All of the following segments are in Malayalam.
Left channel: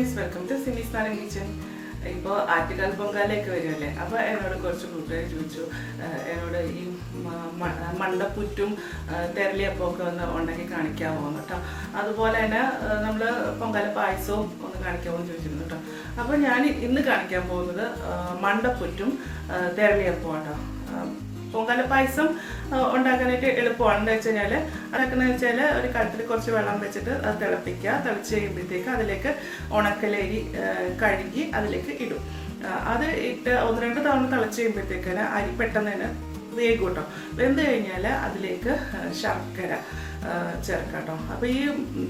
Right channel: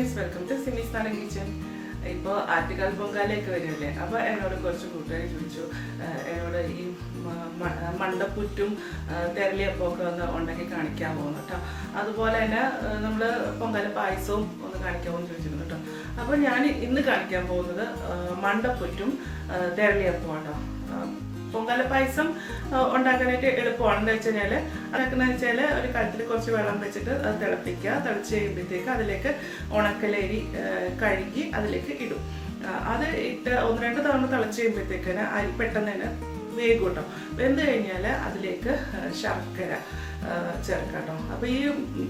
ഫ്രണ്ട്സ്, വെൽക്കം ടു സിമിസ് നാടൻ കിച്ചൻ. ഇപ്പോൾ ആറ്റുകാൽ പൊങ്കാലയൊക്കെ വരുമല്ലേ, അപ്പോൾ എന്നോട് കുറച്ച് കൂട്ടുകാർ ചോദിച്ചു എന്നോട് ഈ മണ്ടപ്പുറ്റും തെരളിയപ്പമൊക്കെ ഒന്ന് ഉണ്ടാക്കി കാണിക്കാമോ എന്ന് കേട്ടോ. അതുപോലെ തന്നെ നമ്മൾ പൊങ്കാല പായസവും ഒന്ന് കാണിക്കാമോ എന്ന് ചോദിച്ചിരുന്നു കേട്ടോ. അപ്പോൾ ഞാൻ ഇന്ന് കാണിക്കാൻ പോകുന്നത് മണ്ടപ്പുറ്റും തെരളിയപ്പവും കേട്ടോ. പൊങ്കാല പായസം ഉണ്ടാക്കാനായിട്ട് എളുപ്പമാണ്. എന്താ വെച്ച് കഴിഞ്ഞാൽ അതൊക്കെയെന്ന് വെച്ചാൽ ഒരു കലത്തിൽ കുറച്ച് വെള്ളം വെച്ചിട്ട് അത് തിളപ്പിക്കുക. തിളച്ച് കഴിയുമ്പോഴത്തേക്ക് അതിലേക്ക് ഉണക്കലരി കഴുകി അതിലേക്ക് ഇടും. അത് ഇട്ട് 1-2 തവണ തിളച്ച് കഴിയുമ്പോഴത്തേക്കാണ് അരി പെട്ടെന്ന് തന്നെ വേഗം കേട്ടോ. വെന്ത് കഴിഞ്ഞാൽ അതിലേക്ക് ശർക്കര ചേർക്കാം കേട്ടോ. അപ്പോൾ ഈ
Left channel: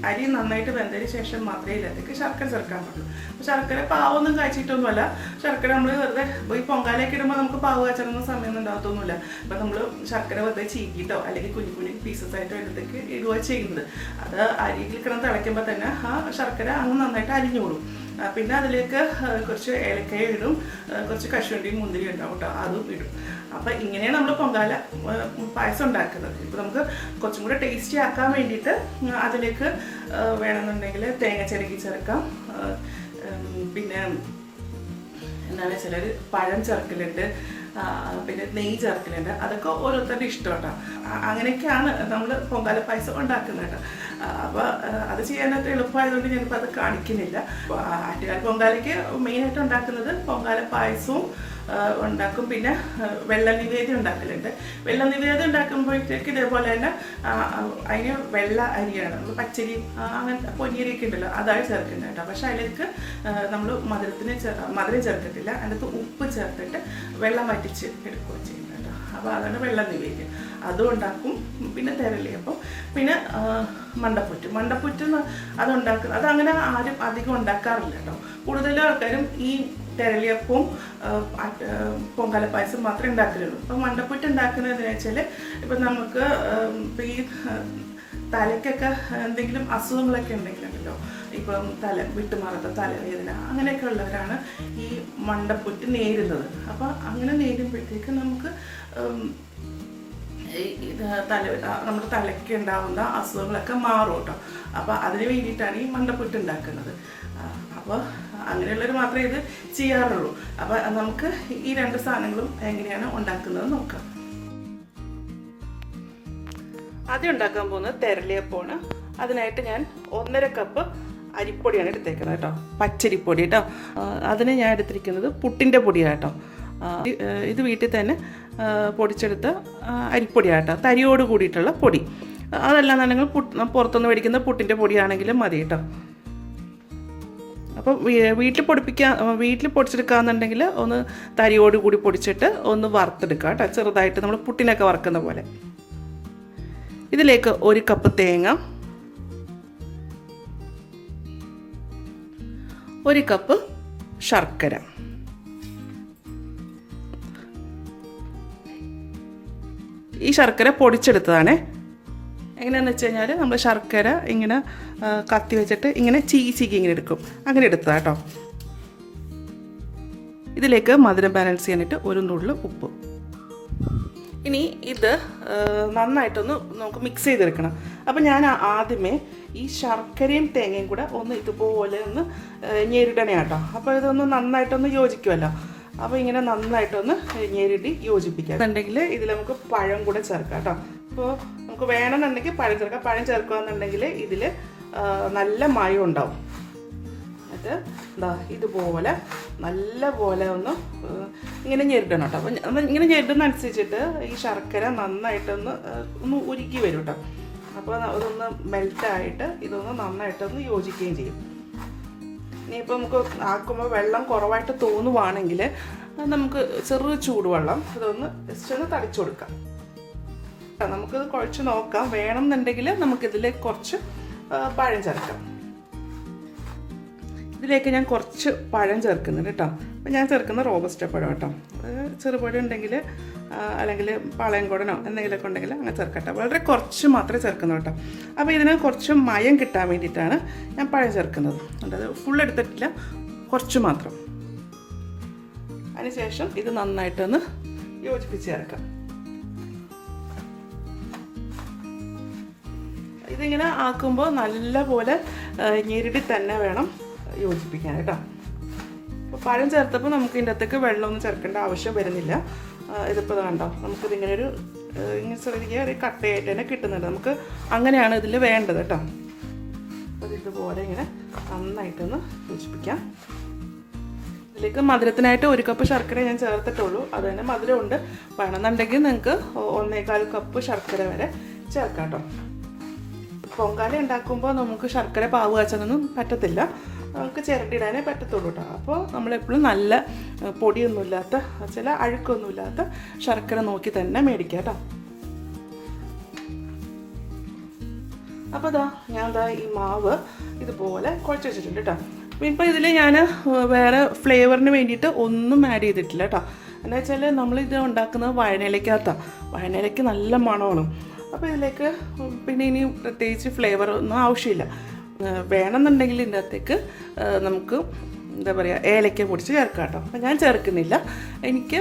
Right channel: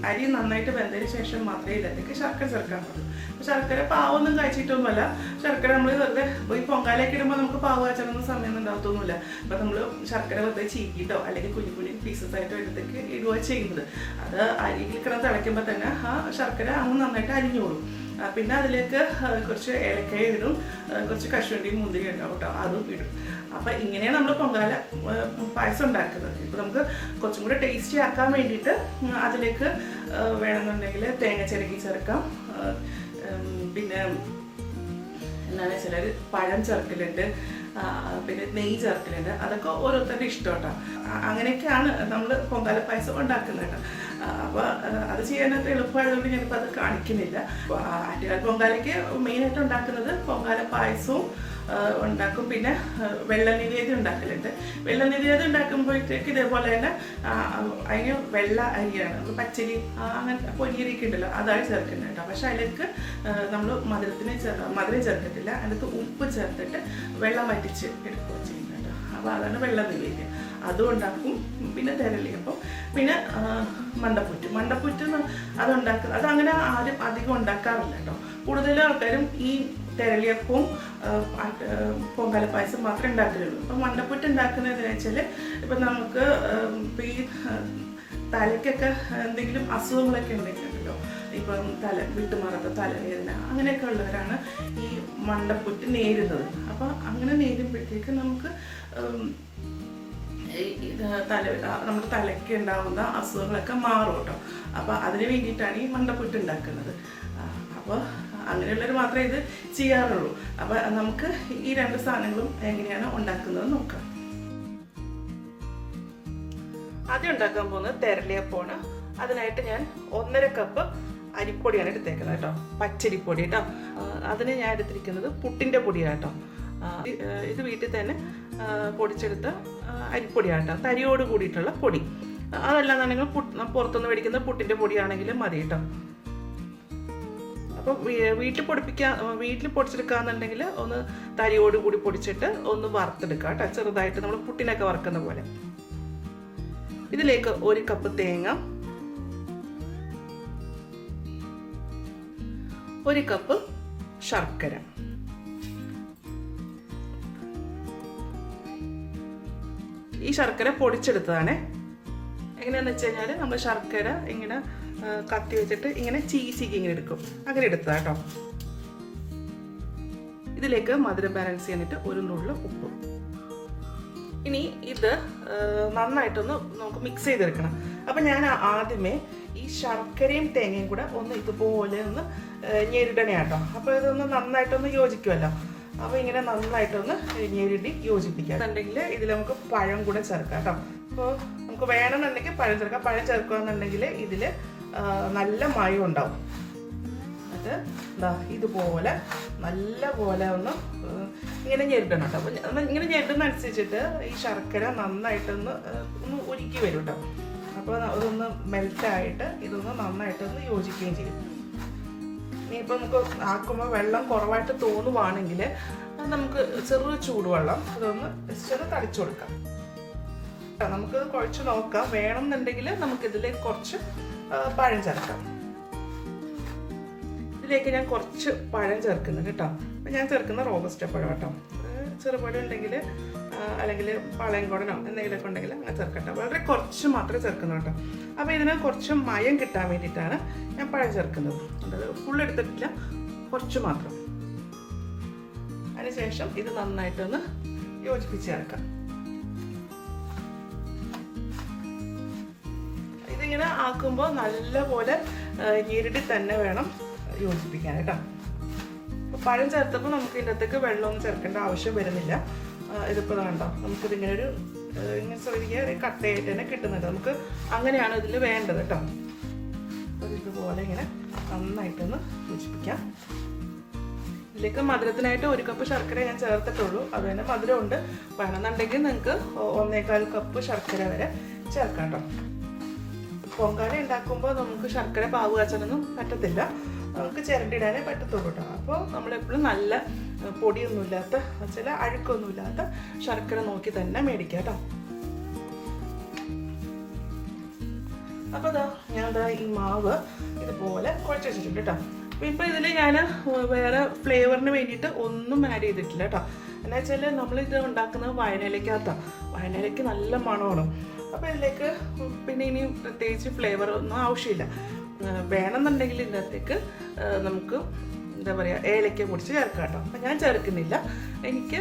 അരി നന്നായിട്ട് വെന്തതിന് ശേഷം മാത്രമേ ഇതിലേക്ക് ശർക്കര ചേർക്കാൻ പറ്റുള്ളൂ. അപ്പോൾ ശർക്കര പാവൊന്നും കാച്ചിട്ടൊന്നുമല്ല. ശർക്കര നമ്മൾ വെറുതെ ഈ പൊങ്കാലയൊക്കെ ഇടുമ്പോൾ നമുക്ക് പാവ് കാച്ചണമെന്ന സമയമൊന്നും ഉണ്ടാകത്തൊന്നുമില്ല. അപ്പോൾ നമ്മൾ ശർക്കര വെറുതെ ചീക്കിയിട്ടോ അല്ലെങ്കിൽ കുഞ്ഞു കുഞ്ഞു പീസസ് ആയിട്ടോ ഇതിലേക്ക് ഇടുക ചെയ്യുന്നത്. അത് അരിയിൽ കിടന്ന് തിളയ്ക്കുമ്പോൾ തന്നെ ആ ശർക്കര അങ്ങ് നന്നായിട്ട് അരിഞ്ഞോളും. പിന്നെ അതിലേക്ക് കുറച്ച് ഏലക്കായ ഇടും, കുറച്ച് കശുവണ്ടിയും മുന്തിരി ഉണ്ടാവും കേട്ടോ, അതും ഇടും. അപ്പം ഇങ്ങനെയാണ് നമ്മൾ പൊങ്കാല പായസം ഉണ്ടാക്കുന്നത്. ഇപ്പോൾ നമുക്ക് കുറച്ചും കൂടെ ടേസ്റ്റി ആക്കാൻ വേണ്ടിയിട്ട് അതിലേക്ക് വേണമെന്നുണ്ടെങ്കിൽ തേങ്ങ ചിരകി ചേർക്കാം. പിന്നെ എന്താണ് ചിലർ പഴം ചേർക്കലുണ്ട്, പിന്നെ നെയ്യ് ചേർക്കലുണ്ട്. അതൊക്കെ ഓരോരുത്തരുടെ ഇഷ്ടം കേട്ടോ. അങ്ങനെയൊക്കെയാണ് നമ്മൾ പൊങ്കാല പായസം ഉണ്ടാക്കുന്നത് കേട്ടോ. അപ്പോൾ അത് ചെയ്യാനായിട്ട് എളുപ്പമായതുകൊണ്ട് ഞാനിപ്പോൾ അത് കാണിക്കുന്നില്ല. ആറ്റുകാൽ പൊങ്കാലയ്ക്ക് മെയിനായിട്ട് ഉണ്ടാക്കുന്നത് പൊങ്കാല പായസവും ഉണ്ടാക്കും. പിന്നെ വെള്ള നിവേദ്യം ഉണ്ടാക്കലുണ്ട്. വെള്ള നിവേദ്യം ഉണ്ടാക്കുമ്പോഴത്തേക്ക് ഇതേപോലെ തന്നെ അതിന് വെള്ള അരിയാണ്, നമ്മൾ പച്ചരി അങ്ങനത്തെ പൊന്നിയരിയൊക്കെ ഉണ്ടല്ലോ, അതാണ് ചേർക്കുന്നത് കേട്ടോ. പക്ഷെ അതിലേക്ക് നമ്മൾ മധുരം ചേർക്കത്തില്ല. അതിനകത്ത് ഉപ്പ് ചേർത്തിട്ട് വെള്ളം വറ്റിച്ച് എടുക്കുകയും ചെയ്യുന്നത് കേട്ടോ. അപ്പോൾ അതാണ് വെള്ള നിവേദ്യം, അതും ഉണ്ടാക്കും. പിന്നെ തെരളിയപ്പം, പിന്നെ മണ്ടപ്പുറ്റ് അതുണ്ടാക്കുന്നത് അതങ്ങനെ ആരും അധികം ഉണ്ടാക്കാറില്ല കേട്ടോ. കൂടുതലും ആൾക്കാരും ഈ തെരളിയപ്പവും പൊങ്കാല പായസം മാത്രമേ ഉണ്ടാക്കലുള്ളൂ. അപ്പം മണ്ടപ്പുറ്റ് ഉണ്ടാക്കുന്നതെന്ന് വെച്ചാൽ ഇപ്പം നമുക്ക് ഈ തലയ്ക്കൊക്കെ എന്തെങ്കിലും അസുഖങ്ങളൊക്കെ ഉണ്ടെങ്കിലുണ്ടല്ലോ, ഇപ്പം വിട്ടുമാറാത്ത തലവേദന അങ്ങനെയൊക്കെ ഉള്ളവരാണ് ഈ മണ്ടപ്പുറ്റ് നേരുന്നത്. അപ്പം അങ്ങനെ നേരുമ്പോഴത്തേക്ക് നമുക്ക് നമ്മുടെ തലയ്ക്ക് ഉണ്ടാകുന്ന അസുഖങ്ങളൊക്കെ മാറും കേട്ടോ. അപ്പോൾ അതിന് വേണ്ടിയിട്ടാണ് ഈ മണ്ടപ്പുറ്റ് ഉണ്ടാക്കുന്നത്. അപ്പോൾ അങ്ങനെയുള്ളവർ മാത്രമേ ഇത് ചെയ്യാറുള്ളൂ. അപ്പോൾ നമുക്ക് ഈ 2 സാധനങ്ങളും എങ്ങനെയാണ് ഉണ്ടാക്കുന്നത് നോക്കാം. ആദ്യം ഉണ്ടാക്കാൻ പോകുന്നത് തെരളിയപ്പമാണ്. അതിനായിട്ട് ഞാൻ 1.5 കപ്പ് അരിപ്പൊടിയാണ് എടുത്തേക്കുന്നത് കേട്ടോ, പച്ചരിപ്പൊടി കേട്ടോ. അതിന് ഞാൻ എടുത്തിരിക്കുന്നത് പുട്ടിൻ്റെ പൊടിയാണ് കേട്ടോ. ഇത് വീട്ടിൽ തന്നെ പൊടിച്ചെടുത്ത അരിപ്പൊടിയാണ് കേട്ടോ, തരിയോട് കൂടിയിട്ടുള്ള പൊടി. അതെല്ലാം തന്നെ പുറത്തുനിന്ന് മേടിക്കുന്ന പുട്ടിൻ്റെ പൊടിയാണെങ്കിലും മതി കേട്ടോ. അപ്പോൾ വീട്ടിൽ പൊടിച്ചെടുക്കാന്നുണ്ടെങ്കിൽ ഒന്ന് തരിയോട് കൂടി പൊടിച്ചിട്ട് ഒന്ന് വറുത്തെടുക്കുക കേട്ടോ, ചെറുതായിട്ട് നമ്മൾ പുട്ടിനൊക്കെ വറുക്കുന്ന പോലെ. ഇതിലേക്ക് 1 കപ്പ് തേങ്ങ, 1 കപ്പ് ശർക്കര, ഈ ശർക്കര പൊടിച്ചെടുത്തതാണേ. എങ്ങനെയാണെന്ന് വെച്ച് കഴിഞ്ഞാൽ നമ്മൾ ശർക്കര ഇങ്ങനെ കത്തി വെച്ചിട്ട് ഇങ്ങനെ ചീച്ചിക്ക് ഇങ്ങനെ എടുക്കും, അങ്ങനെ എടുത്തതാ കേട്ടോ. ഇതിലേക്ക് മധുരം ബാലൻസ് ചെയ്യാനായിട്ട് 1 നുള്ള് ഉപ്പ്. ഇനി ഇത് നന്നായിട്ടൊന്ന് നമുക്ക് മിക്സ് ചെയ്തെടുക്കണം. അപ്പം ഞാൻ ആദ്യമേ ഈ ശർക്കരയും തേങ്ങയും കൂടെ ഒന്ന് ഇതുപോലെ ഒന്ന് ഞെരിടണേ കേട്ടോ. അപ്പോൾ ഇതൊന്ന് നന്നായിട്ടൊന്ന് യോജിക്കുമല്ലോ. അപ്പോൾ ഇങ്ങനെ നന്നായിട്ടൊന്ന് ഞെരിടി യോജിപ്പിക്കാം. എന്നുണ്ടെങ്കിൽ ഇതിൽ നമുക്ക് പഴം കൂടെ ചേർക്കാം കേട്ടോ. അപ്പോൾ നമുക്ക് വേണമെന്നുണ്ടെങ്കിൽ പഴം ചേർക്കാം. പഴം ചേർക്കുകയെന്നുണ്ടെങ്കിൽ ഇതിൽ നല്ല മയം ഉണ്ടാവും. അത് ഇതുപോലെ നല്ല പോലെ ഒന്ന് ഇങ്ങനെ ഞെരിടണം കേട്ടോ. അപ്പോൾ ഇങ്ങനെ ഞെരിടുന്നതനുസരിച്ചിട്ട് ഈ ശർക്കര നന്നായിട്ടൊന്ന് ഉരുക്കി വരും കേട്ടോ. അപ്പോൾ അതൊന്ന് മെൽറ്റായിട്ട് ഇതൊന്ന് നന്നായിട്ടൊന്ന് യോജിക്കുകയും ചെയ്യും. ഇനിയിപ്പോൾ നമുക്ക് ആക്കുമ്പോൾ വെള്ളം കുറവായിട്ട് തോന്നുവാണെങ്കിൽ നമുക്ക് ചെറു ചൂടുവെള്ളം അതൊന്ന് ജസ്റ്റ് ഒന്ന് തളിച്ചു കൊടുക്കാം. നമുക്കിത് കുഴച്ച് നോക്കാം. വേണമെന്നുണ്ടെങ്കിൽ നമുക്കിതിലേക്ക് കുറച്ച് പഴം ചേർക്കാം. ഇതിലേക്ക് ഞാൻ കുറച്ച് പഴം ചേർക്കുന്നുണ്ട് കേട്ടോ. അപ്പം ഞാൻ ചേർക്കുന്ന റോബസ്റ്റ പഴം കേട്ടോ. ചെറുപഴം ഉണ്ടെങ്കിൽ അല്ലെങ്കിൽ പാളയംകോടനോ എന്തെങ്കിലുമൊക്കെ ഉണ്ടെങ്കിൽ അങ്ങനെ ചേർക്കട്ടെ. വളരെ കുറച്ച് മാത്രമേ ചേർക്കുന്നു കേട്ടോ. അപ്പോൾ ഇതിന് കുറച്ച് മയം കിട്ടാൻ വേണ്ടിയിട്ടാണ് ഞാൻ പഴം ചേർക്കുന്നത്. അതായത് ഫുൾ എടുത്തിട്ടില്ല, കുറച്ച് മാത്രം. അതിനുശേഷം ഇത് നന്നായിട്ടൊന്ന് യോജിപ്പിച്ച് ചേർക്കാം. ഇതിങ്ങനെ ആക്കുമ്പോൾ നല്ല പോലെ ഞെരുടി തന്നെ വേണം യോജിപ്പിക്കാൻ കേട്ടോ. പഴം ചേർത്തപ്പോൾ നമുക്ക് ഇതിൻ്റെ അകത്തേക്ക് വെള്ളമൊന്നും ചേർക്കേണ്ട ആവശ്യം വരുന്നില്ല. ഇതിപ്പോൾ കണ്ടോ നമുക്കിതിങ്ങനെ ഒരു കട്ടയായിട്ട് തന്നെ കിട്ടുന്നുണ്ട്. നമുക്ക് അങ്ങനെയാണ് ഇതിൽ വേണ്ടത് കേട്ടോ. അപ്പോൾ ഇതുപോലെ ഇങ്ങനെ നന്നായിട്ടൊന്ന് യോജിപ്പിക്കാം. ഇതിലേക്ക് മധുരത്തിനായിട്ട് 1 കപ്പ് ശർക്കര ഞാൻ ചേർത്തിട്ടുള്ളൂ. അത് തന്നെ മധുരമുണ്ട്. വേണമെന്നുണ്ടെങ്കിൽ നിങ്ങൾക്ക് 1.25 കപ്പ് ശർക്കര വരെ ചേർക്കാം കേട്ടോ. പൊങ്കാല ഉണ്ടാക്കുമ്പോൾ നമുക്ക് ശർക്കര പാവ് കാച്ചാനൊന്നും പറ്റത്തില്ല. നമുക്ക് ചിരണ്ടിടാനേ പറ്റത്തുള്ളൂ കേട്ടോ. അപ്പോൾ നമ്മളെപ്പോഴും നല്ല പൊടിയൊന്നുമില്ലാത്ത ചില അഴുക്കൊന്നുമില്ലാത്ത ശർക്കര നോക്കി തന്നെ മേടിക്കാം കേട്ടോ. അപ്പോൾ ഞാൻ ഈ മാവ് ഇതുപോലെ കുഴച്ച് വെച്ചിട്ടുണ്ട് കേട്ടോ. ഇപ്പോൾ ഇതിൽ ഞാൻ വേറെ ഫ്ലേവറിന് വേണ്ടിയിട്ട് ഒന്നും ആഡ് ചെയ്തിട്ടില്ല കേട്ടോ. എന്ന് വെച്ചാൽ നമ്മളിത് ഉണ്ടാക്കുന്നത് വഴനയിലേക്കകത്താണ്. വഴനയിലേക്ക് നല്ല മണമാണ്. അപ്പോൾ ഇതിലേക്ക് പിന്നെ ഇനി പ്രത്യേകിച്ച് ഫ്ലേവർ ഒന്നും ആവശ്യമില്ല. വേണമെന്നുണ്ടെങ്കിൽ ഇതിൻ്റെ അകത്തേക്ക് നമുക്ക് എന്താ പറയുക ഏലക്ക പൊടിച്ച് ചേർക്കാം കേട്ടോ. അപ്പം ഞാൻ ചേർക്കുന്നില്ല. എനിക്ക്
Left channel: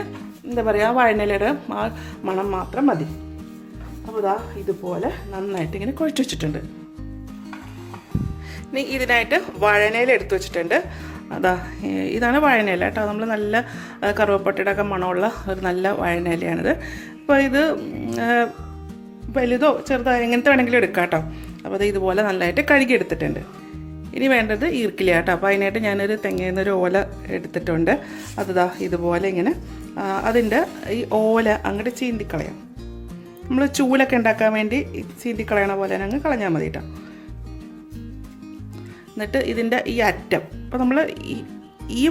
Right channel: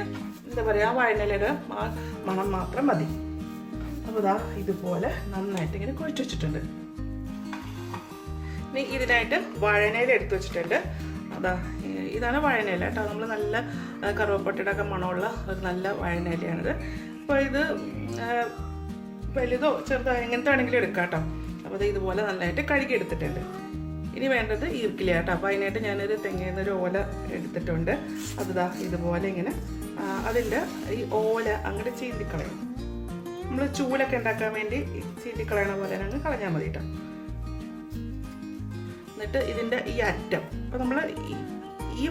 എന്താ പറയുക വഴനയിലയുടെ മണം മാത്രം മതി. അപ്പോൾ ഇതുപോലെ നന്നായിട്ട് ഇങ്ങനെ കുഴച്ച് വെച്ചിട്ടുണ്ട്. ഇനി ഇതിനായിട്ട് വഴനയില എടുത്ത് വെച്ചിട്ടുണ്ട്. ഇതാണ് വഴനയില കേട്ടോ. നമ്മൾ നല്ല കറുവപ്പട്ടയുടെ ഒക്കെ മണമുള്ള ഒരു നല്ല വഴനയിലയാണിത്. അപ്പോൾ ഇത് വലുതോ ചെറുതോ എങ്ങനത്തെ വേണമെങ്കിലും എടുക്കാം കേട്ടോ. അപ്പോൾ അത് ഇതുപോലെ നല്ലതായിട്ട് കഴുകി എടുത്തിട്ടുണ്ട്. ഇനി വേണ്ടത് ഈർക്കില കേട്ടോ. അപ്പോൾ അതിനായിട്ട് ഞാനൊരു തെങ്ങേന്നൊരു ഓല എടുത്തിട്ടുണ്ട്. അത് ഇതുപോലെ ഇങ്ങനെ അതിൻ്റെ ഈ ഓല അങ്ങോട്ട് ചീന്തിക്കളയാം. നമ്മൾ ചൂലൊക്കെ ഉണ്ടാക്കാൻ വേണ്ടി ചീന്തിക്കളയണ പോലെ അങ്ങ് കളഞ്ഞാൽ മതി കേട്ടോ. എന്നിട്ട് ഇതിൻ്റെ ഈ അറ്റം അപ്പോൾ നമ്മൾ ഈ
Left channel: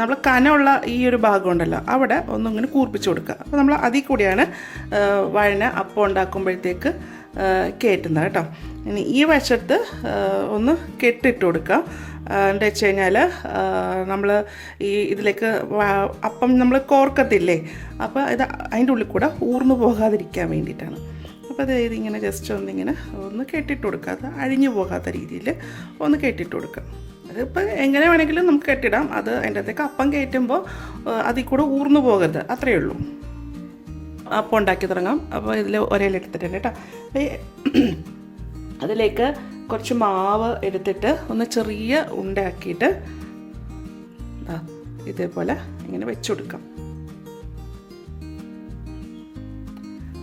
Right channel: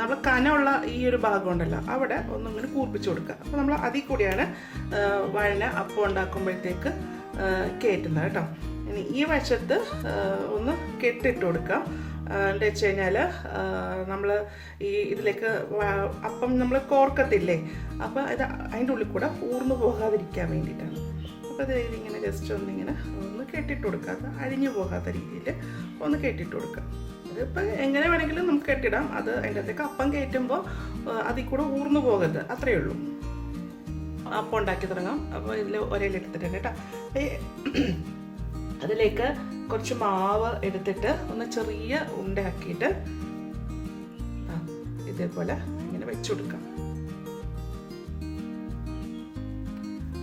നമ്മൾ കനമുള്ള ഈ ഒരു ഭാഗം ഉണ്ടല്ലോ അവിടെ ഒന്നിങ്ങനെ കൂർപ്പിച്ച് കൊടുക്കുക. അപ്പോൾ നമ്മൾ അതിൽ കൂടിയാണ് വഴന അപ്പം ഉണ്ടാക്കുമ്പോഴത്തേക്ക് കയറ്റുന്നത് കേട്ടോ. ഇനി ഈ വശത്ത് ഒന്ന് കെട്ടിട്ട് കൊടുക്കുക. എന്താ വെച്ച് കഴിഞ്ഞാൽ നമ്മൾ ഇതിലേക്ക് അപ്പം നമ്മൾ കോർക്കത്തില്ലേ, അപ്പോൾ ഇത് അതിൻ്റെ ഉള്ളിൽ കൂടെ ഊർന്നു പോകാതിരിക്കാൻ വേണ്ടിയിട്ടാണ്. അപ്പോൾ അത് ഇതിങ്ങനെ ജസ്റ്റ് ഒന്ന് കെട്ടിട്ട് കൊടുക്കുക. അത് അഴിഞ്ഞു പോകാത്ത രീതിയിൽ ഒന്ന് കെട്ടിട്ട് കൊടുക്കുക. അതിപ്പോൾ എങ്ങനെ വേണമെങ്കിലും നമുക്ക് കെട്ടിടാം. അത് അതിൻ്റെ അകത്തേക്ക് അപ്പം കയറ്റുമ്പോൾ അതിൽ കൂടെ ഊർന്നു പോകരുത്, അത്രയേ ഉള്ളൂ. അപ്പം ഉണ്ടാക്കി തുടങ്ങാം. അപ്പോൾ ഇതിൽ ഒരയിലെടുത്തിട്ടുണ്ട് കേട്ടോ. അതിലേക്ക് കുറച്ച് മാവ് എടുത്തിട്ട് ഒന്ന് ചെറിയ ഉണ്ടാക്കിയിട്ട് ഇതേപോലെ ഇങ്ങനെ വെച്ച് കൊടുക്കാം.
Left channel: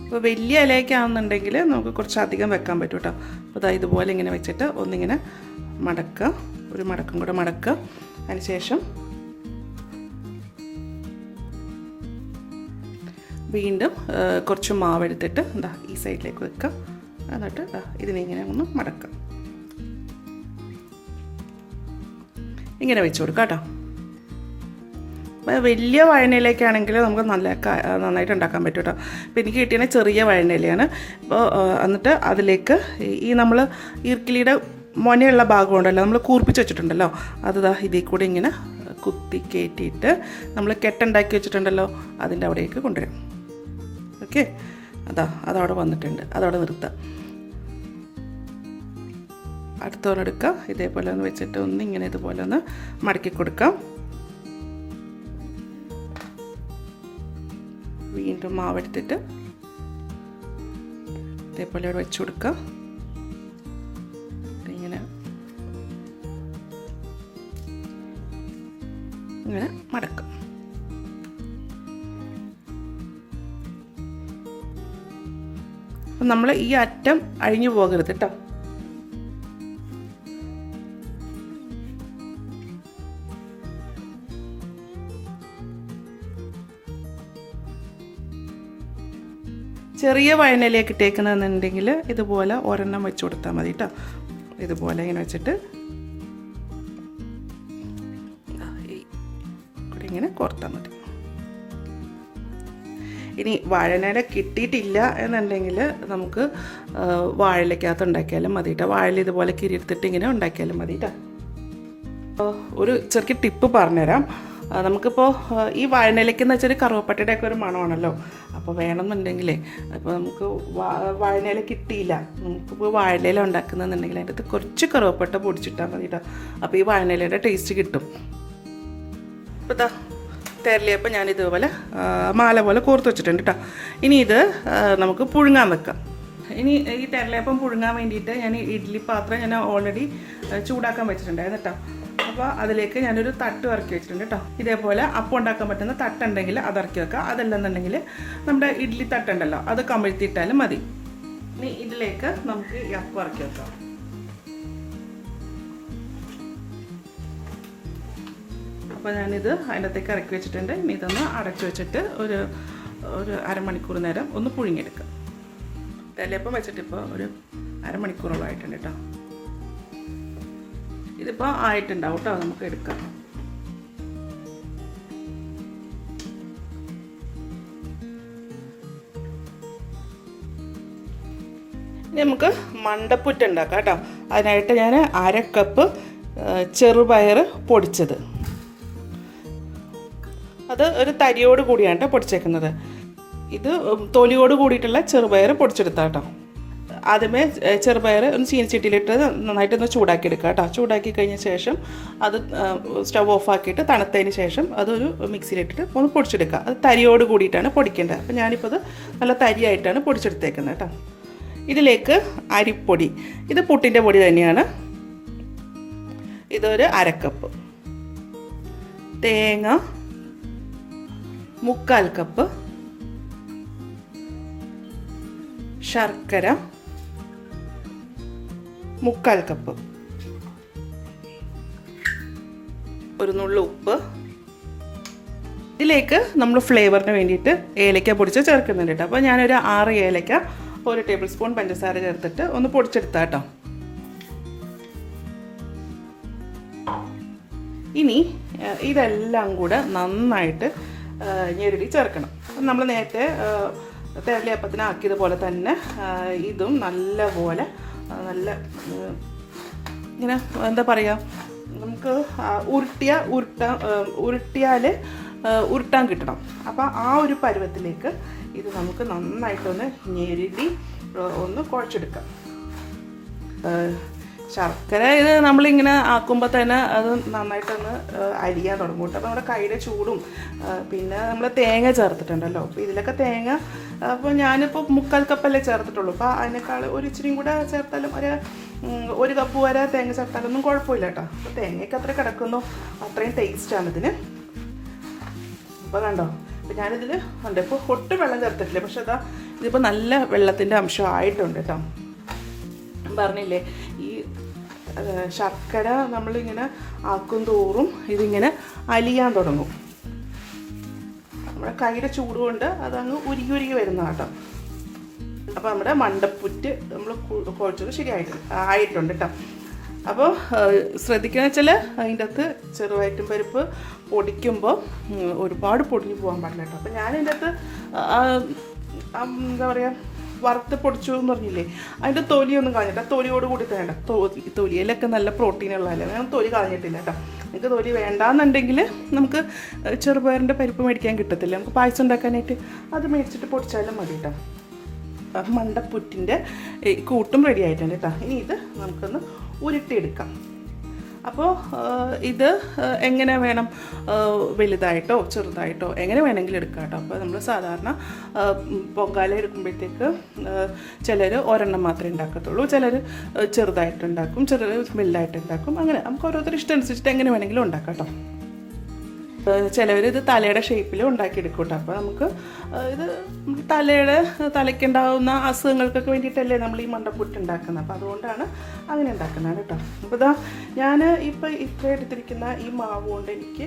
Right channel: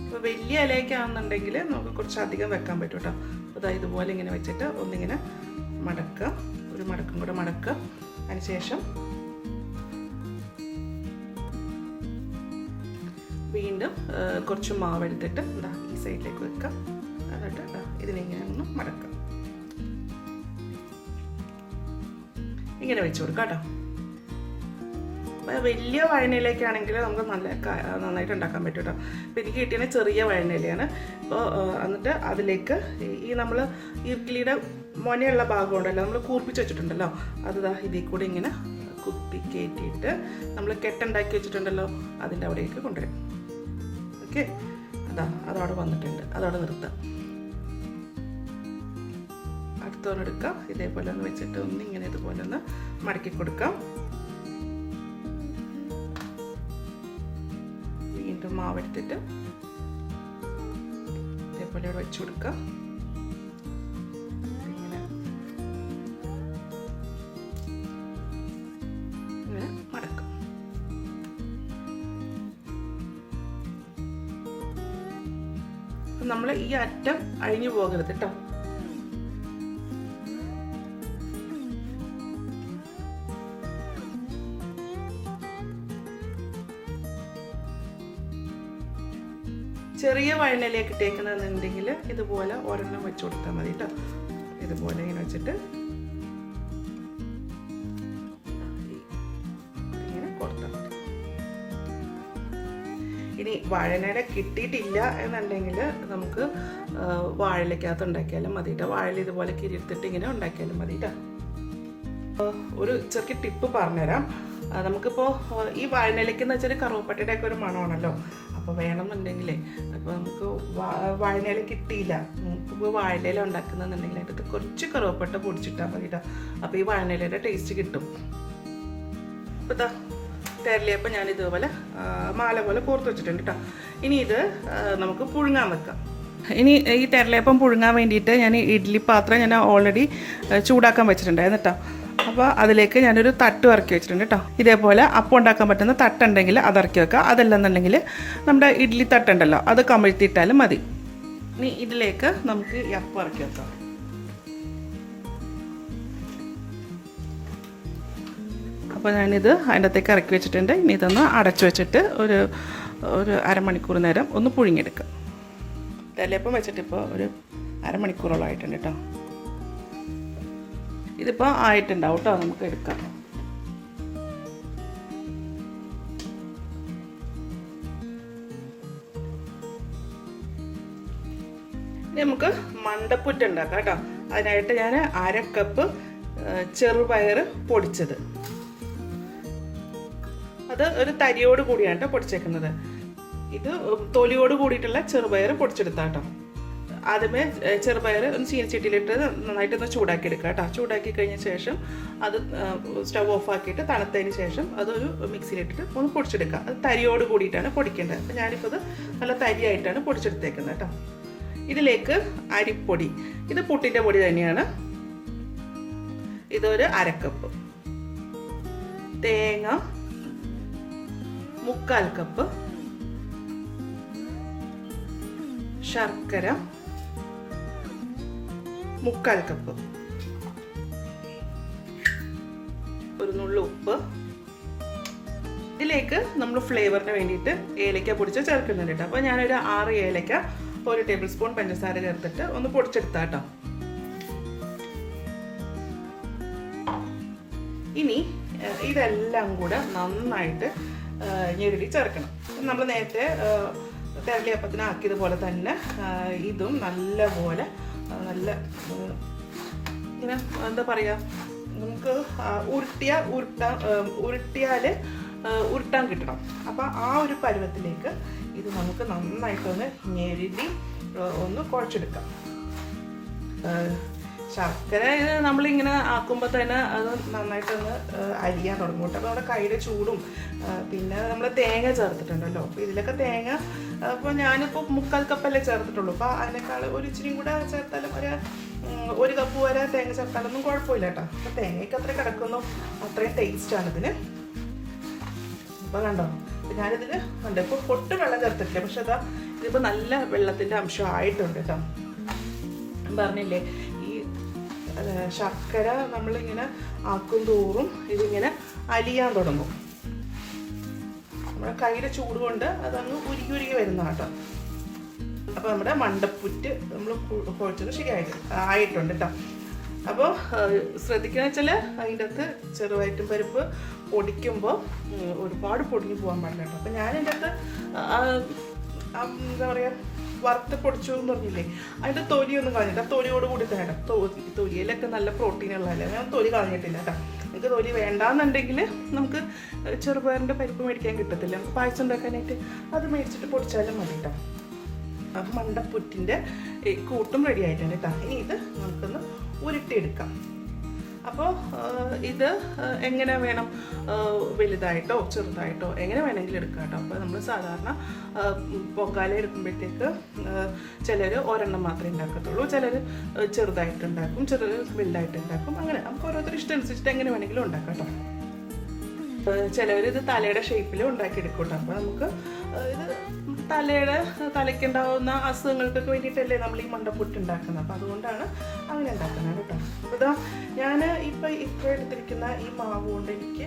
അപ്പോൾ വലിയ ഇലയൊക്കെയാണെന്നുണ്ടെങ്കിൽ നമുക്ക് കുറച്ചധികം വെക്കാൻ പറ്റും കേട്ടോ. അപ്പോൾ ഇതുപോലെ ഇങ്ങനെ വെച്ചിട്ട് ഒന്നിങ്ങനെ മടക്കുക, ഒരു മടക്കും കൂടെ മടക്കുക. അതിനുശേഷം വീണ്ടും കുറച്ച് മാവ് എടുത്തിട്ട് ഈ സൈഡിലേക്ക് വെക്കുക. എന്നിട്ട് ഇതിനിങ്ങനെ ഒന്ന് മടക്കുക. ഇങ്ങനെ വെച്ച് കൊടുക്കാം കേട്ടോ. വലിയ വഴനയിലേക്കാണെങ്കിൽ നമുക്ക് നന്നായിട്ട് ഉണ്ടാക്കാൻ പറ്റും കേട്ടോ. അപ്പോൾ എനിക്ക് കിട്ടിയ ചെറിയ വഴനയിലയാണ്. അപ്പോൾ എന്നിട്ട് അതിലേക്ക് ഈ നമ്മൾ ഈർക്കിലിയുടെ മൊനയുള്ള ഭാഗം ഉണ്ടല്ലോ, നമ്മൾ കൂർപ്പിച്ച് വെച്ചിട്ടുണ്ടല്ലോ, അത് ഇതിൽ കൂടെ ഇങ്ങനെ കുത്തി കയറ്റിയിട്ട് നമ്മൾ കെട്ടുണ്ടാക്കി വെച്ചിട്ടുണ്ടല്ലോ അതിൻ്റെ അവിടേക്ക് കൊണ്ടുവരും. ഓക്കെ, അതവിടെ വന്നിട്ടുണ്ട്. അതവിടെ നിർത്താം. അടുത്തോടെടുക്കാം. ഇതേപോലെ ഒന്ന് വെച്ചിട്ട് ഇങ്ങനെ ഇതുപോലെ ഒന്ന് മടക്കി കൊടുക്കാം. വീണ്ടും മാവെടുത്തിട്ട് ഇതേപോലെ അവിടെ വെച്ച് കൊടുക്കാം. ഇങ്ങനെ മടക്കാം. നമ്മൾ ഈ അറ്റം അഴിഞ്ഞു പോകരുത് കേട്ടോ. ചെറിയ വഴനയിലേക്ക് ഇട്ടേക്കണമെന്നുണ്ടെങ്കിൽ ഇതുപോലെ ഒരെണ്ണം വെച്ച് കൊടുത്താൽ മതി കേട്ടോ. ഇതുപോലെ ഇങ്ങനെ വെച്ചിട്ട് ഇങ്ങനെ കോർത്താൽ മതി. ഇനി വാഴനയുടെ കിട്ടിയിട്ടില്ല എന്നുണ്ടെങ്കിൽ നമുക്ക് വാഴയിലേക്കകത്ത് ഉണ്ടാക്കിയാലും മതി കേട്ടോ. വാഴയിൽ ഇതുപോലെ കിരിയെടുത്തിട്ട് ഇങ്ങനെ ഉണ്ടാക്കിയാലും മതി കേട്ടോ. ഒരു ചെറിയ ടിപ്പ് പറഞ്ഞുതരാം. നമുക്കിപ്പോൾ ഈ വാഴയിലേക്ക് എന്ന് വെച്ചാൽ കറുവപ്പട്ടയുടെ ഒക്കെ ഒരു മണമാണല്ലോ. അപ്പോൾ വേണമെന്നുണ്ടെങ്കിലേ അപ്പോൾ നമുക്ക് വാഴയില കിട്ടിയില്ല, നമുക്കിപ്പോൾ വാഴയില ഉണ്ടാക്കുന്നതെന്നുണ്ടെങ്കിൽ അതിൻ്റെ അകത്ത് കുറച്ച് കറുവപ്പട്ട പൊടിച്ചിട്ടാൽ മതി കേട്ടോ. അപ്പോൾ ഈ വാഴയിലയുടെ ടേസ്റ്റ് കിട്ടും. അപ്പോൾ തേരലിയപ്പോൾ ഞാൻ ഇതുപോലെ മാല പോലെ കോർത്ത് വെച്ചിട്ടുണ്ട് കേട്ടോ. ഇനി ഇത് നമുക്ക് പുഴുങ്ങാൻ വെക്കാം. ഇനി ഈ തെരളിയപ്പം പുഴുങ്ങാൻ വേണ്ടിയിട്ട് ഞാൻ ഇഡ്ഡലി പാത്രം ഞാൻ ഓൾറെഡി ചൂടാക്കാൻ വെച്ചിട്ടുണ്ടായിരുന്നു കേട്ടോ. അപ്പോൾ അതിലേക്ക് ഞാനൊരു തട്ട് ഇറക്കി വെച്ചിട്ടുണ്ട് കേട്ടോ. ഇതേപോലെ അപ്പം ഉണ്ടാക്കാൻ പറ്റുന്ന തട്ടുണ്ടെങ്കിൽ അത് ഇറക്കി വെക്കുക. അതല്ലെന്നുണ്ടെങ്കിൽ നമ്മുടെ ഇഡ്ഡലി തട്ടുണ്ടല്ലോ അത് കമഴ്ത്തിയിട്ടാലും മതി. ഇനി ഇതിലേക്ക് നമുക്ക് ഈ അപ്പം ഇറക്കി വെക്കാം. അപ്പോൾ ഞാനിത് അതിൻ്റെ അകത്തേക്ക് ഇറക്കി വെച്ചിട്ടുണ്ട്. ഇനി ഇതൊന്ന് അടച്ചു വെച്ചിട്ട് ഒരു അരമണിക്കൂർ നേരം ഒന്ന് പുഴുങ്ങിയെടുക്കുക. തെരളിയപ്പം വെച്ചിട്ടിപ്പോൾ ഒരു അരമണിക്കൂറോളം ആയിട്ടുണ്ട് കേട്ടോ. ഇതിപ്പോൾ ആയിട്ടുണ്ടാവും കേട്ടോ, നമുക്ക് എടുക്കാം. നമുക്ക് മണ്ടപ്പുറ്റ് ഉണ്ടാക്കാം കേട്ടോ. അതിനായിട്ട് ഞാൻ 1/2 കപ്പ് ചെറുപയർ പൊടിച്ചത്, അത് ഒരു തരിയോട് കൂടിയാണ് കേട്ടോ പൊടിച്ചേക്കുന്നത്. ഇത് തൊലിയോട് കൂടിയിട്ടുള്ള ചെറുപയർ പൊടിച്ചെടുത്താൽ കേട്ടോ. ആദ്യമേ ചെറുപയർ ഒന്ന് ചീനിച്ചട്ടിയിലിട്ട് നന്നായിട്ടൊന്ന് ചൂടാക്കി എടുക്കുക കേട്ടോ. ചൂടാക്കി കഴിഞ്ഞ ശേഷം അത് സ്റ്റവ് ഓഫാക്കിയിട്ട് തണുത്തതിന് ശേഷം അതൊരു മിക്സിയിലിട്ടിട്ട് ഒന്ന് പൊടിച്ചെടുക്കുക. അത് തരിയോട് കൂടിയിട്ടാണ് പൊടിക്കേണ്ടത്. അപ്പോൾ ഞാനിപ്പോൾ അത് നല്ല തരിയായിട്ടാണ് പൊടിച്ചെടുത്തേക്കുന്നത് കേട്ടോ. ഇതിലേക്ക് അരിപ്പൊടി, ഇത് പുട്ടിൻ്റെ പൊടി തന്നെയാണ്. ഇതൊരു 1/2 കപ്പ്. തേങ്ങ 1/4 കപ്പ്. ശർക്കര 1/4 കപ്പ്. ഒരു നുള്ളു ഉപ്പ്. ഇതിലേക്ക് നമ്മൾ ഫ്ലേവറിന് വേണ്ടിയിട്ട് ഏലക്ക പൊടിച്ച് ചേർക്കുന്നുണ്ട് കേട്ടോ. അപ്പോൾ ഞാനൊരു 6 ഏലക്ക 1 ടേബിൾ സ്പൂൺ പഞ്ചസാര ചേർത്തിട്ട് ഒന്ന് പൊടിച്ചെടുത്താൽ കേട്ടോ. ഇനി ഇതെല്ലാം കൂടെ നന്നായിട്ട് ഞെരുടി ചേർക്കണം. നമ്മൾ നേരത്തെ തെരളിയപ്പത്തിന് ആക്കിയതുപോലെ തന്നെ ഇതും നല്ലപോലെ നല്ല ഇങ്ങനെ എന്താ പറയുക, നമുക്ക് ഉരുട്ടിയാൽ ഉരുട്ടാൻ കിട്ടണം. അപ്പോൾ ആ ഒരു പരുവത്തിലേക്ക് ഇത് നമുക്ക് നന്നായിട്ടൊന്ന് ഞെരുടി ഒന്ന് കുഴച്ചെടുക്കാം. ശർക്കര ഇത് നമ്മളിങ്ങനെ ആക്കുമ്പോൾ തന്നെ അത് നന്നായിട്ടൊന്ന് അരിയാൻ തുടങ്ങും കേട്ടോ. അപ്പോൾ നമ്മുടെ കയ്യിലെ ചൂടും പിന്നെ നമ്മൾ തേങ്ങ ചേർത്തിട്ടുണ്ടല്ലോ. അപ്പോൾ ഇതിലൊക്കെ തേങ്ങ അപ്പോൾ ഞാനിപ്പോൾ 1/4 കപ്പല്ലേ ചേർത്തിട്ടുള്ളൂ. അപ്പോൾ അതിനേക്കാൾ ഒരു ഇച്ചിരിയും കൂടെ ചേർത്താലും 1 കപ്പ് വരെ തേങ്ങ ചേർത്താലൊന്നും കുഴപ്പമില്ല കേട്ടോ. അപ്പോൾ തേങ്ങയ്ക്ക് അത്ര കിടക്കുന്നു, അത്രയും ടേസ്റ്റാണ് ഇതിന്. അപ്പോൾ കണ്ടോ, അപ്പോൾ ഞാനിതിൽ ഉണ്ട് ഇപ്പോൾ ഒട്ടും വെള്ളം ചേർത്തിട്ടില്ല. പക്ഷെ അതാ ഇതിപ്പോൾ നല്ല വെള്ളത്തിൻ്റെ അംശം ആയിട്ടുണ്ട് കേട്ടോ. പറഞ്ഞില്ലേ, ഈ ശർക്കര നമ്മളിങ്ങനെ ആക്കും തോറും ഇതിങ്ങനെ അലിയാൻ തുടങ്ങും. നമ്മുടെ കയ്യിലെ ചൂട് കൊണ്ട് അതങ്ങ് ഉരുകി വരുന്ന കേട്ടോ. അപ്പോൾ നമ്മുടെ മണ്ടപ്പുറ്റ് നമ്മൾ കുഴച്ചത് ആയിട്ടുണ്ട് കേട്ടോ. അപ്പോൾ ശ്രദ്ധിക്കുക വെച്ചാൽ അതിൻ്റെ അകത്ത് ചെറുപയറ്റും പരിപ്പ് പൊടിക്കുമ്പോൾ ഒരുപാട് പൊടിഞ്ഞു പോകാൻ പാടില്ല കേട്ടോ. അപ്പോൾ ഞാനതിൻ്റെ അകത്ത് എന്താ പറയുക, വറുത്ത് പൊടിച്ചു എന്ന് പറഞ്ഞില്ലേ, അതിൻ്റെ തൊലിയൊന്നും കളഞ്ഞിട്ട് ആ തൊലിയോട് കൂടി തന്നെ തൊലിയിലൊക്കെ നല്ല പ്രോട്ടീനുള്ളതല്ലേ, ഞാൻ തൊലി കളഞ്ഞിട്ടില്ല കേട്ടോ. നിങ്ങൾക്ക് തൊലി വേണ്ടാന്നുണ്ടെങ്കിൽ നമുക്ക് ചെറുപയറിൻ്റെ പരിപ്പ് മേടിക്കാൻ കിട്ടത്തില്ല, നമുക്ക് പായസം ഉണ്ടാക്കാനായിട്ട് അത് മേടിച്ചിട്ട് പൊടിച്ചാലും മതി കേട്ടോ. അപ്പം മണ്ടപ്പുറ്റിൻ്റെ കൂട്ടും റെഡി ആയിട്ടുണ്ട് കേട്ടോ. ഇനി ഇത് നമുക്കൊന്ന് ഉരുട്ടിയെടുക്കാം. അപ്പോൾ ഇത് എങ്ങനെ വേണം, വലുതായിട്ടോ ചെറുതായിട്ടോ എങ്ങനെ വേണമെങ്കിലും എടുക്കാം കേട്ടോ. അപ്പോൾ നമ്മൾ സാധാരണ പൊങ്കാല എടുക്കുമ്പോഴത്തേക്ക് ചിലർ ഒരെണ്ണം മാത്രമേ ഉണ്ടാക്കത്തുള്ളൂ, ചിലർ ചെറുതായിട്ടുണ്ടാക്കും, ചിലർ വലുതായിട്ടുണ്ടാക്കും. അങ്ങനെ നമുക്ക് ഓരോരുത്തർ ഇഷ്ടം അനുസരിച്ചിട്ട് എങ്ങനെ വേണമെങ്കിലും ഉണ്ടാക്കാം കേട്ടോ. ചിലവർ ഇത് തലയുടെ ഷേപ്പിൽ ഉണ്ടാക്കിയെടുക്കും കേട്ടോ. അപ്പോൾ നമുക്ക് ഇത് തലയ്ക്കുണ്ടാകുന്ന അസുഖങ്ങൾക്കൊക്കെ വേണ്ടിയിട്ടല്ലേ നമ്മൾ ഈ മണ്ടപ്പുറ്റ് ഉണ്ടാക്കുന്നത്. അപ്പോൾ അതുകൊണ്ടാണ് അങ്ങനെ ഉണ്ടാക്കുന്നത് കേട്ടോ. അപ്പോൾ ഇതാ ഞാൻ ഇപ്പോൾ എടുത്തിരിക്കുന്ന ഈ മാവ് കൊണ്ട് എനിക്ക്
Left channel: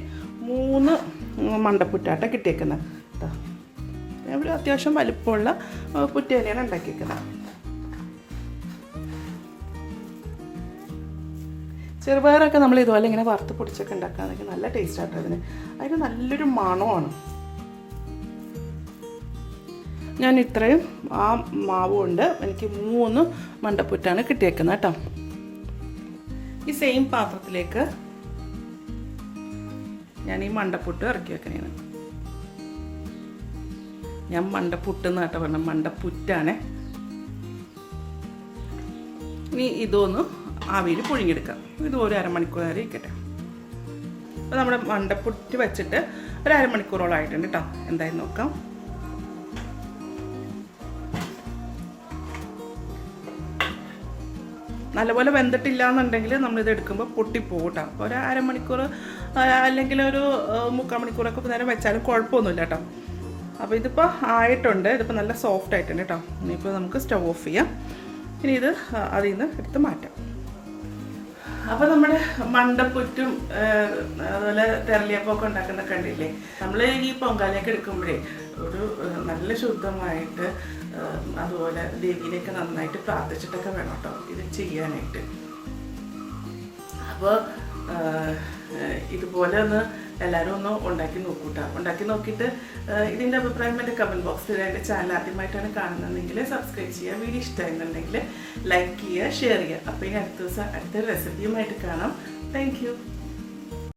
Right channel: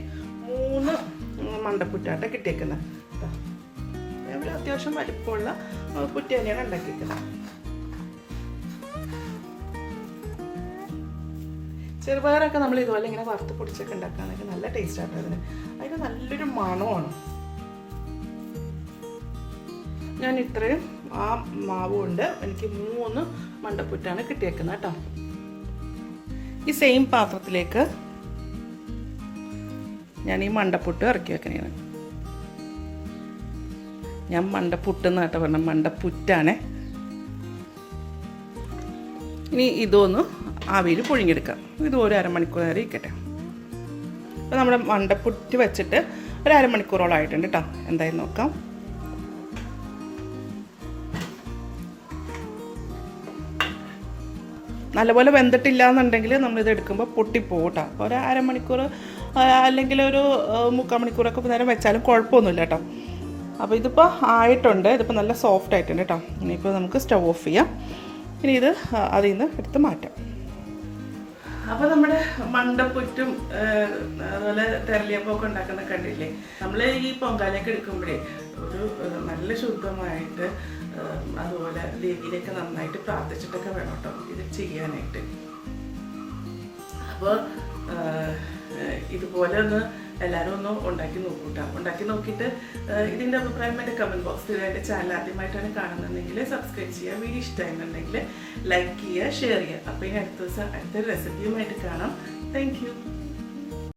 3 മണ്ടപ്പുറ്റാട്ട കിട്ടിയേക്കുന്നത് കേട്ടോ. ഞാൻ അത്യാവശ്യം വലിപ്പമുള്ള പുറ്റ് തന്നെയാണ് ഉണ്ടാക്കിയിരിക്കുന്നത്. ചെറുപയറൊക്കെ നമ്മൾ ഇതുപോലെ ഇങ്ങനെ വറുത്ത് പൊടിച്ചൊക്കെ ഉണ്ടാക്കുകയാണെങ്കിൽ നല്ല ടേസ്റ്റ് ആട്ടോ അതിന് നല്ലൊരു മണമാണ്. ഞാൻ ഇത്രയും ആ മാവ് കൊണ്ട് എനിക്ക് 3 മണ്ടപ്പുറ്റാണ് കിട്ടിയേക്കുന്നത് കേട്ടോ. ഈ സെയിം പാത്രത്തിലേക്ക് ഞാൻ ഈ മണ്ടപ്പുട്ട് ഇറക്കി വെക്കണേ. ഞാൻ മണ്ടപ്പുട്ടെന്ന് കേട്ടോ പറഞ്ഞ, മണ്ടപ്പുറ്റാണ്. ഇനി ഇതൊന്ന് ആവിയിൽ പുഴുങ്ങിയെടുക്കാം. ഇത് ഒരു അരമണിക്കൂർ നേരം ഇരിക്കട്ടെ. അപ്പോൾ നമ്മുടെ മണ്ടപ്പുറ്റ് വെച്ചിട്ട് ഒരു അരമണിക്കൂറോളം ആയിട്ടുണ്ട് കേട്ടോ. എന്തായാലും നോക്കാം. നല്ലപോലെ വെന്തിട്ടില്ല എന്നുണ്ടെങ്കിൽ നമ്മളിത് എടുക്കുമ്പോൾ പൊട്ടിപ്പോകും കേട്ടോ. അപ്പോൾ ഒരു അരമണിക്കൂർ അല്ലെങ്കിൽ ഒരു 3/4 മണിക്കൂറൊക്കെ നേരം വെച്ചാലും കുഴപ്പമൊന്നുമില്ല കേട്ടോ. അപ്പോൾ ഇതിപ്പോൾ ആയിട്ടുണ്ട്, ഇതിപ്പോൾ നല്ല സോഫ്റ്റ് ആയിട്ടുണ്ട് കേട്ടോ. ഇനിയിപ്പോൾ നമുക്ക് സ്റ്റവ് ഓഫ് ചെയ്യാം. ഇനി ഇത് അതിൽ നിന്ന് എടുത്ത് മാറ്റാം. അപ്പോൾ നമ്മുടെ മണ്ടപ്പുറ്റും അതുപോലെ തെരളിയപ്പമൊക്കെ ഉണ്ടാക്കുന്ന കണ്ടില്ലേ. നമ്മൾ ഈ പൊങ്കാലയൊക്കെ എടുക്കുമ്പോഴേ ഒരു നല്ല ശുദ്ധമായിട്ട് അതുപോലെ ദേവിയിലേക്ക് നന്നായിട്ട് പ്രാർത്ഥിച്ചിട്ടൊക്കെ വേണം കേട്ടോ ഇത് ചെയ്യാനായിട്ട്. അപ്പോൾ ഇതുപോലെ ഒന്ന് എല്ലാവരും ഒന്ന് ഉണ്ടാക്കി നോക്കൂട്ടോ. ഉണ്ടാക്കി നോക്കിയിട്ട് ഇതിൻ്റെ അഭിപ്രായം എൻ്റെ കമൻറ്റ് ബോക്സിൽ എൻ്റെ ചാനൽ ആദ്യമായിട്ടാണ് കാണുന്നതെങ്കിൽ സബ്സ്ക്രൈബ് ചെയ്യുക. വീഡിയോ ഇഷ്ടമായിരുന്നുണ്ടെങ്കിൽ ലൈക്ക് ചെയ്യുക, ഷെയർ ചെയ്യുക. അപ്പോൾ ഇനി അടുത്ത ദിവസം അടുത്തൊരു റെസിപ്പിയുമായിട്ട് കാണാം. Thank you.